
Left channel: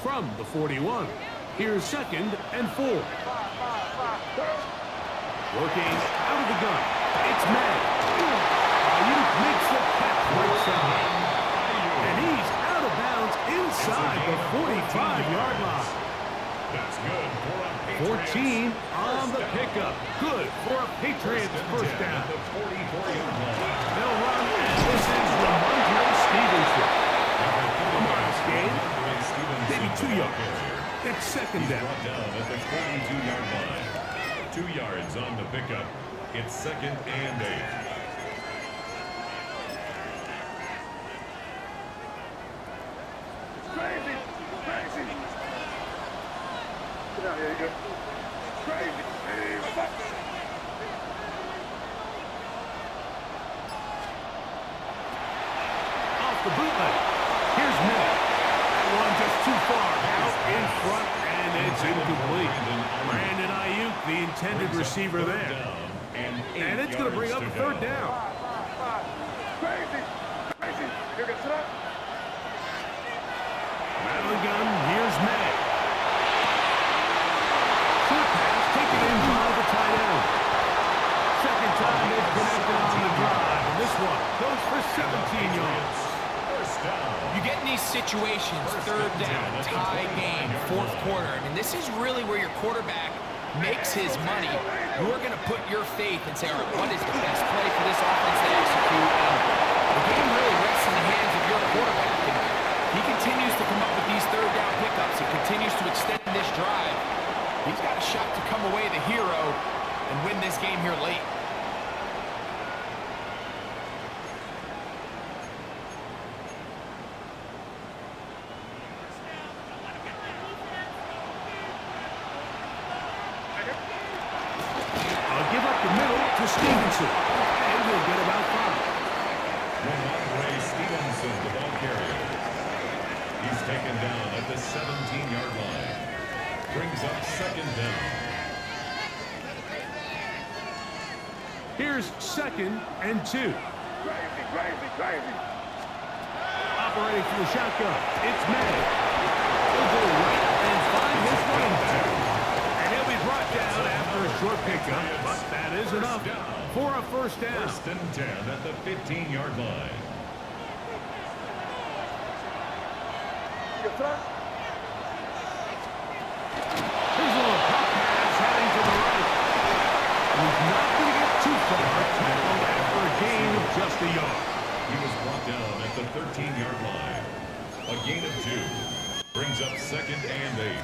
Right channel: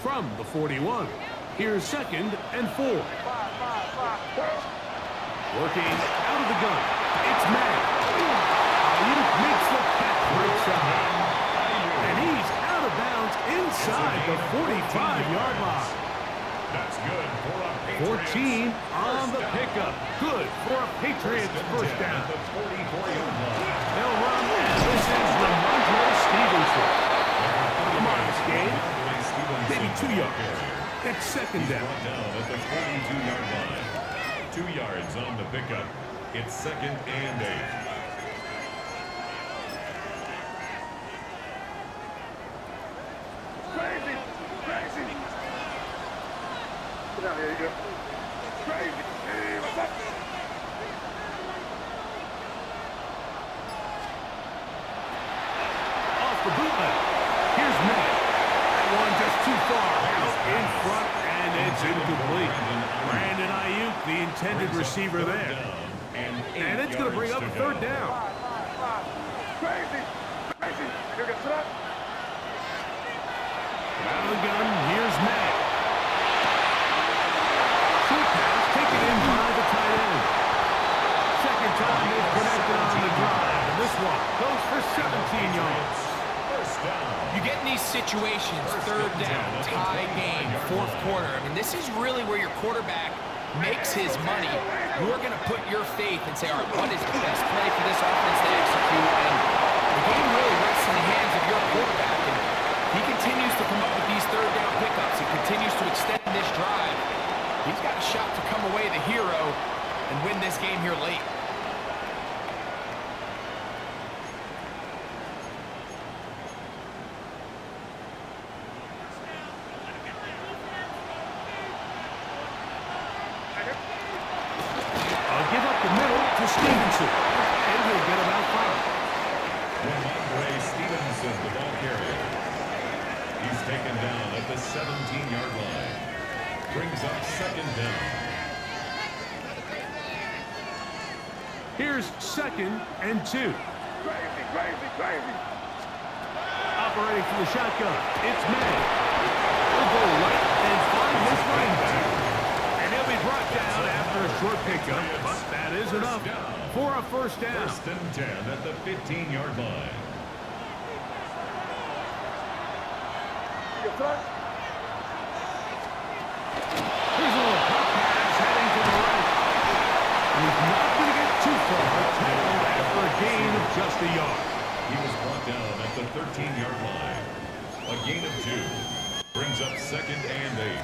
From the 41, here's second and 4. Working out of the gun, it's May. Ayuk makes the catch right side. And he's out of bounds inside the 45-yard line. That's good for a Patriots 14 on the first down. pickup. Good for a Patriots first At down. the 44-yard line. They'll run, and this is Ramondre Stevenson. A modest gain, maybe 2 yards. It's second He's down. brought down at the 42-yard line. 2 yards on the pickup. It's second and 8. Crazy! Crazy! Get out here, you go. Crazy! Hey, what's up? Off the bootleg. Here's May. That one just too far. Out in front, and it's incomplete. Brandon Ayuk, the intended receiver there. And it's going to bring up a third down. Crazy! Crazy! You're gonna sit up? Out of the gun, here's May. Short pass taken in by the tight end. Second time they've connected on the drive, and this one goes for 17 yards. First down. You get in these situations, third down, tie game, fourth quarter. I mean, this is really where your quarterback makes his money. You're going to put your faith and say, all right, what is the best play for this offense to execute? And the game really rests in the hands of your quarterback. And he continues to come up with these third down pickups. He continues to extend this drive. He's got a shot to come away the hero and win this game here late. Give up the middle to Stevenson, and he'll get about 5. Ramondre Stevenson, the ball carrier. He's taken down at the 17-yard line. brings up second down. Here's 2nd and 2. Crazy. Operating from the shotgun, it's May. He'll go right and find his running back. And he'll be brought down after a short pickup, but that is enough for a first down. 1st and 10 at the 15-yard line. Here's a little pop pass heading to the right. He's not going to get too far, tackled after a gain of just a yard. He was brought down at the 13-yard line. A gain of 2 brings up 2nd and 8.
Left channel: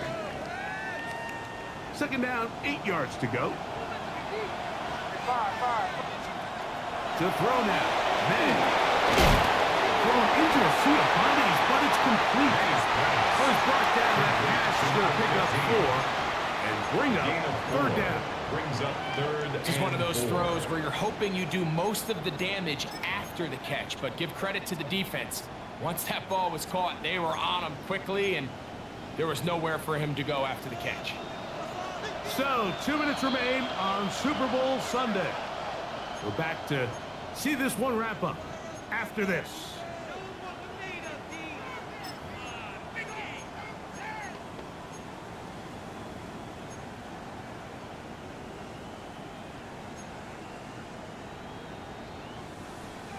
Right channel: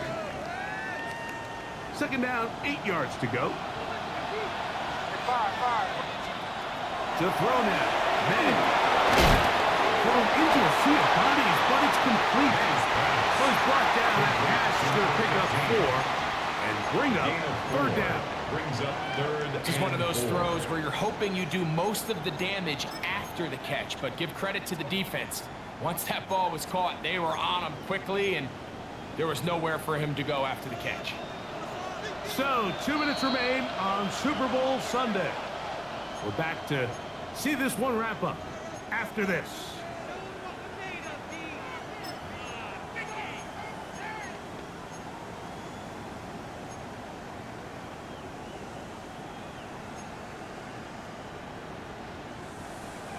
2nd down, 8 yards to go. To throw now. May. Thrown into a sea of bodies, but it's complete. First brought down, that pass is going to pick up 4 and bring up 3rd down. Brings up 3rd. Just one of those throws where you're hoping you do most of the damage after the catch, but give credit to the defense. Once that ball was caught, they were on him quickly, and there was nowhere for him to go after the catch. So, 2 minutes remain on Super Bowl Sunday. We're back to see this one wrap up after this.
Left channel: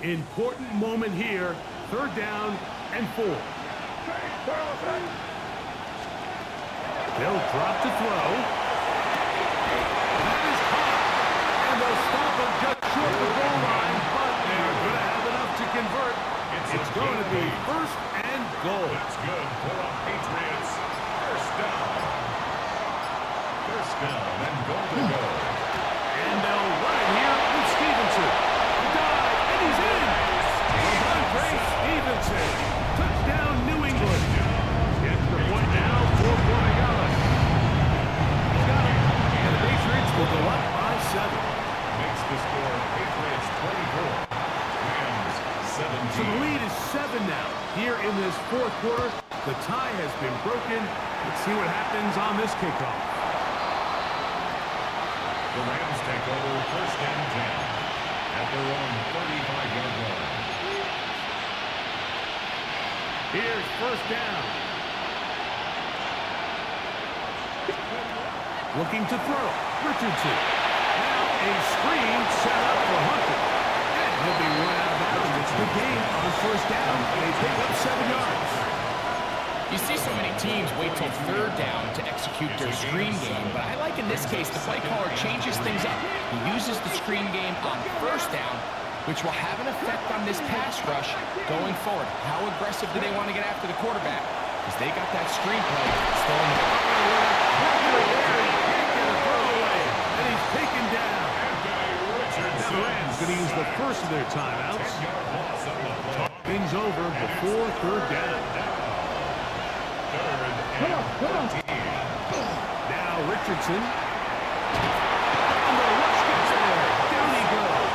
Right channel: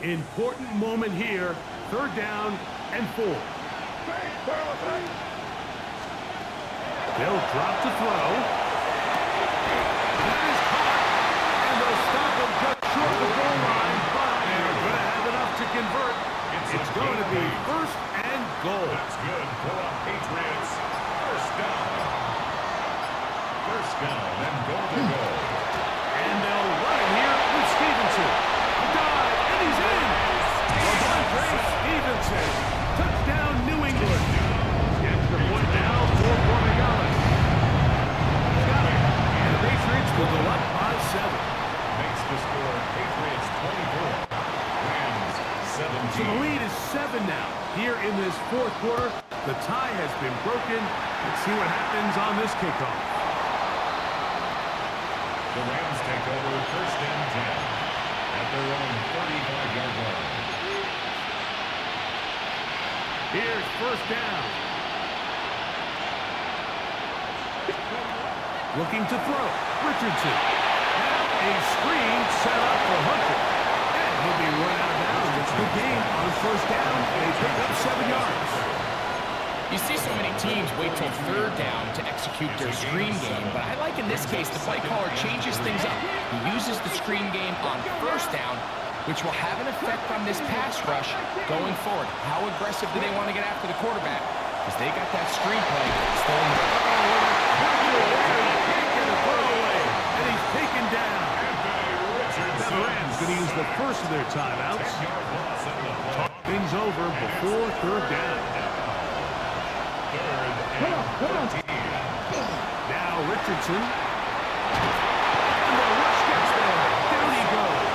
Important moment here. 3rd down and 4. They'll drop to throw. That is caught. And they'll stop him just short of the goal line, but they're going to have enough to convert. It's going to be 1st and goal. That's good for a Patriots. 1st down. 1st down and goal to go. And they'll run it here with Stevenson. A dive, and he's in. Ramondre Stevenson. Touchdown, New England. The extra point now for Borregales. He's got it. And the Patriots will go up by 7. Makes the score Patriots 24. Rams 17. So the lead is 7 now. Here in this 4th quarter, the tie has been broken. Let's see what happens on this kickoff. The Rams take over 1st and 10 at their own 35-yard line. Here's 1st down. Looking to throw. Richardson. Now a screen set up for Hunter. And he'll be run out of bounds. It's a good game on 1st down. They pick up 7 yards. You see so many teams wait till 3rd down to execute their screen game, but I like in this case the play caller changes things up. He uses the screen game on 1st down, which will have an effect on this pass rush going forward. How aggressive do they want to get after the quarterback? Because they got that screen play still in the Oh, with a pressure there. He can't get a throwaway. And he's taken down. Now the Rams going to use the first of their timeouts. 10-yard loss on the play. Talk things over before 3rd down. 3rd and 13. Now Richardson. And the rush gets there. Down he goes.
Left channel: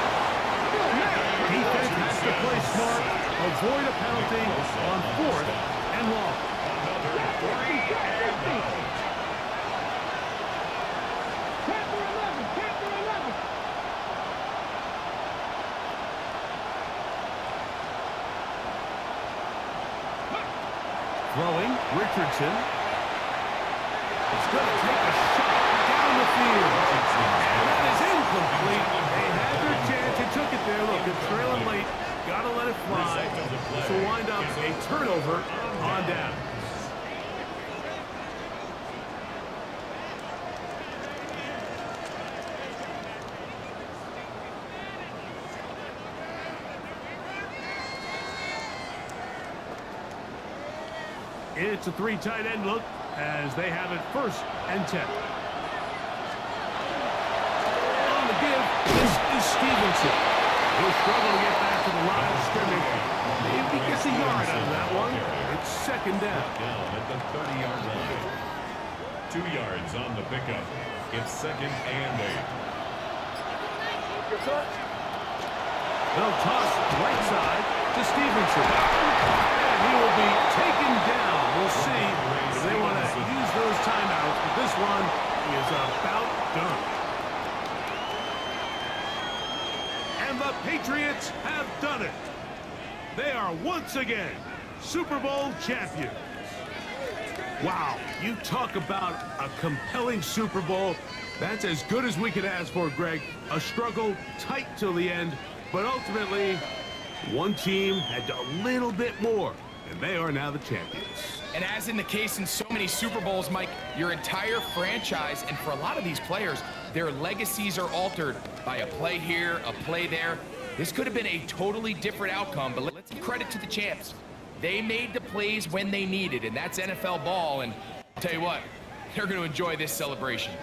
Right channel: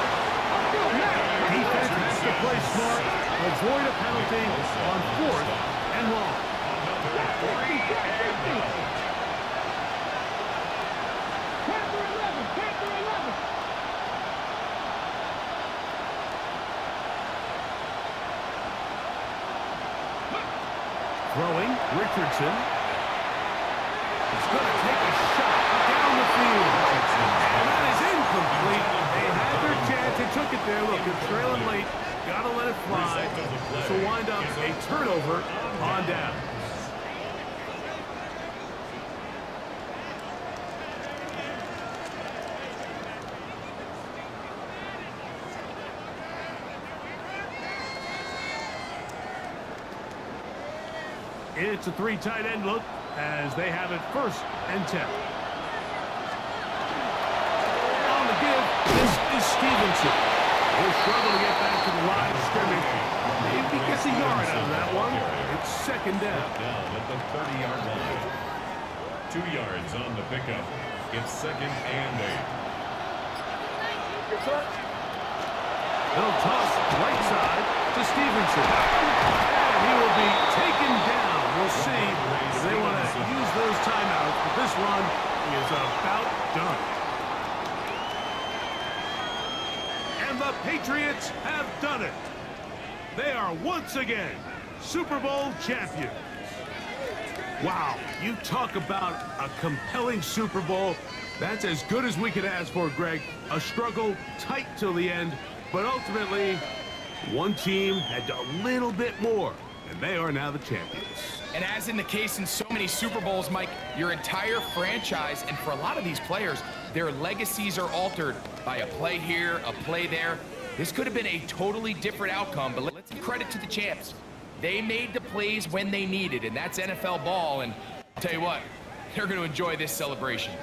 Defense has to play smart, avoid a penalty on 4th and long. Another 3 and out. Panther 11. Throwing, Richardson. It's going to take a shot down the field. And that is incomplete. They had their chance. They took it there. Look, it's trailing late. Got to let it fly. This will wind up a turnover on down. It's a 3 tight end look as they have it 1st and 10. On the give, this is Stevenson. He'll struggle to get back to the line of scrimmage. If he gets a yard out of that one, it's 2nd down. Down at the 30-yard line. 2 yards on the pickup. It's 2nd and 8. They'll toss right side to Stevenson. And he will be taken down. We'll see if they want to use those timeouts. But this this run is about done. And the Patriots have done it. They are once again Super Bowl champions. Wow, you talk about a compelling Super Bowl. That's as good as we could ask for, Greg. A struggle tight till the end, but ultimately, one team had a little bit more, and they are now the champions. And as in the case in so many Super Bowls, Mike, your entire franchise, and for a lot of these players, their legacies are altered by a play here, a play there. This could have been a totally different outcome, but let's give credit to the champs. They made the plays when they needed, and that's NFL ball, and I'll tell you what, they're going to enjoy this celebration.